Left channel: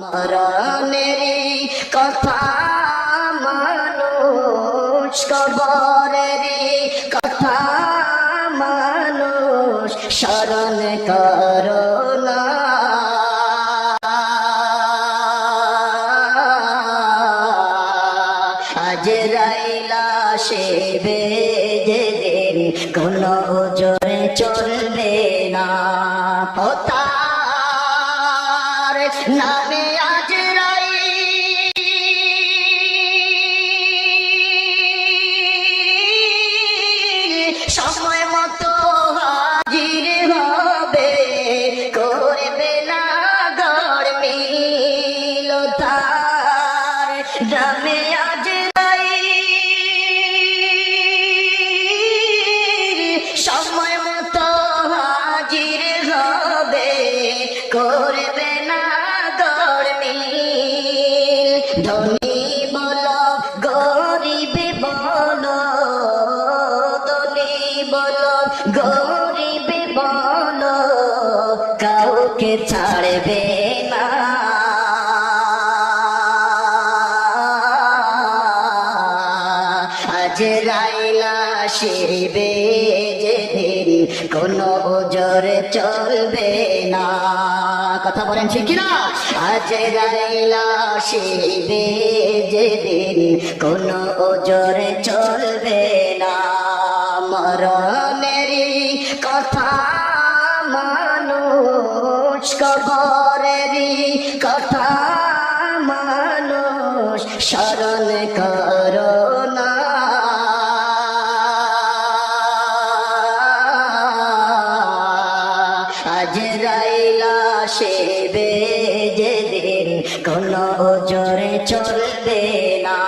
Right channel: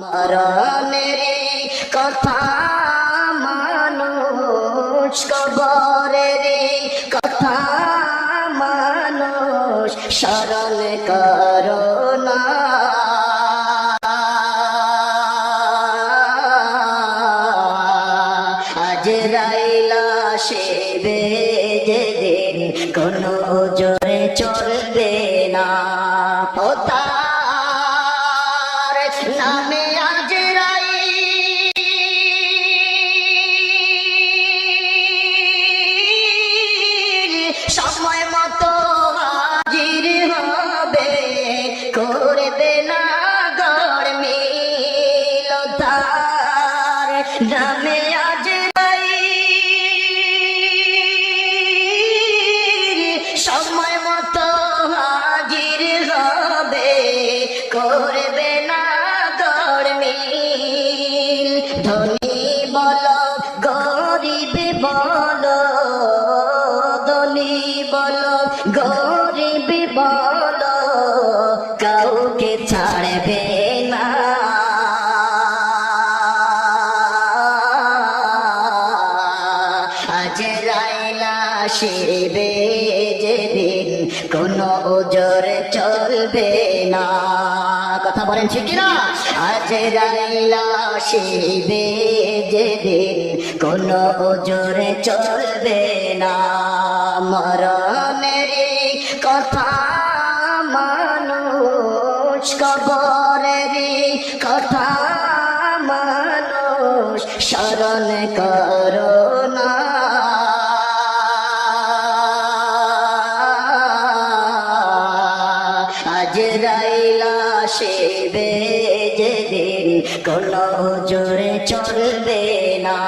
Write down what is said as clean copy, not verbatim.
মরণেরই কথা মানুষ, কবরেরই কথা মানুষ স্মরণ করো না। আজরাইল আসিবে যেদিন কোনো জোরে চলবে না, ও তার নামে আজরাইল সময় মতো হাজির হবে, করবে না গড়মিল, তার নামে সময় মতো হাজির হবে, করবে না গড়মিল। ধনী বলো গরিব বলো, ধনী বলো গরিব বলো, কাউকে ছাড়বে না। আজরাইল আসিবে যেদিন কোনো জোরে চলবে না, কথা বলেন ঠিক না? আজরাইল আসিবে যেদিন কোনো জোরে চলবে না, মরণেরই কথা মানুষ, কবরেরই কথা মানুষ স্মরণ করো না। আজরাইল আসিবে যেদিন কোনো জোরে চলবে না।